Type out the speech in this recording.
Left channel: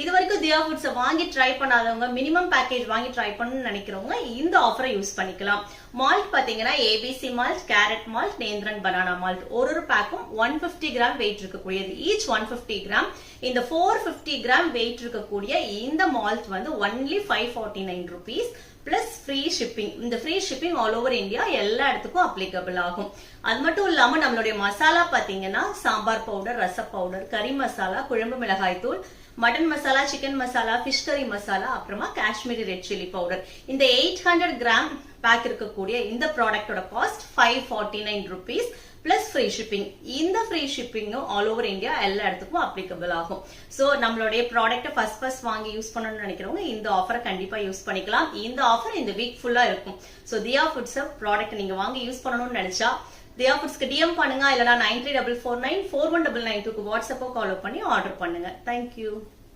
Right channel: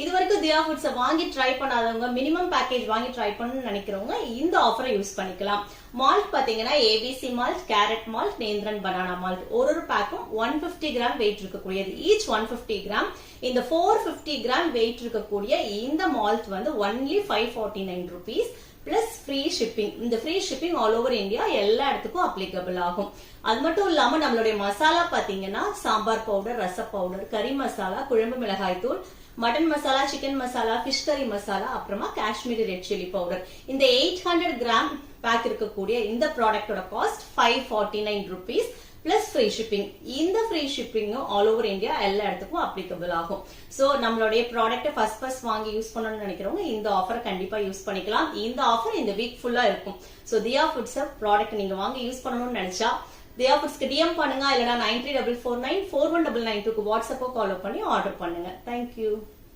இது வரைக்கும் தியா ஃபுட்ஸ் வாங்கி ட்ரை பண்ணாதவங்க, மினிமம் பேக்கேஜ் வாங்கி ட்ரை பண்ணணும்னு நினைக்கிறவங்க இந்த ஆஃபரை யூஸ் பண்ணிக்கலாம். மால்ட் பாத்தீங்கன்னா ABC malt, carrot malt, nendran banana malt. ஒரு பேக்கும் 150 கிராம் வெயிட் இருக்கக்கூடியது. Each 150 gram. இந்த 450 கிராம் வெயிட் இருக்கக்கூடிய இந்த மால்ட் வந்து only 549 rupees plus free shipping. இந்த free shipping all over India எல்லா இடத்துக்கும் அப்ளிகபிள் ஆகும். அது மட்டும் இல்லாம நம்மளுடைய மசாலா பாத்தீங்கன்னா சாம்பார் பவுடர், ரச பவுடர், கறி மசாலா, குழம்பு மிளகாய் தூள், mutton masala, chicken masala, fish கறி மசாலா, அப்புறமா காஷ்மீரி ரெட் சில்லி பவுடர். இந்த 800 கிராம் பேக் இருக்கக்கூடிய இந்த ப்ராடக்டோட cost 549 rupees plus free shipping. இந்த ஃப்ரீ ஷிப்பிங்கும் ஆல் ஓவர் இந்தியா எல்லா இடத்துக்கும் அப்ளிகபிள் ஆகும். சோ நம்மளுடைய ப்ராடக்ட் ஃபர்ஸ்ட் வாங்கி யூஸ் பண்ணணும்னு நினைக்கிறவங்க இந்த ஆஃபரை கண்டிப்பா யூஸ் பண்ணிக்கலாம். இந்த ஆஃபர் இந்த வீக் ஃபுல்லா இருக்கும். சோ தியா ஃபுட்ஸ் ப்ராடக்ட் நீங்க வாங்கி யூஸ் பண்ணணும்னு நினைச்சா தியா ஃபுட்ஸ்க்கு டிஎம் பண்ணுங்க, இல்லனா 9344941992 வாட்ஸ்அப்போ கால் பண்ணி ஆர்டர் பண்ணுங்க. தேங்க்யூ.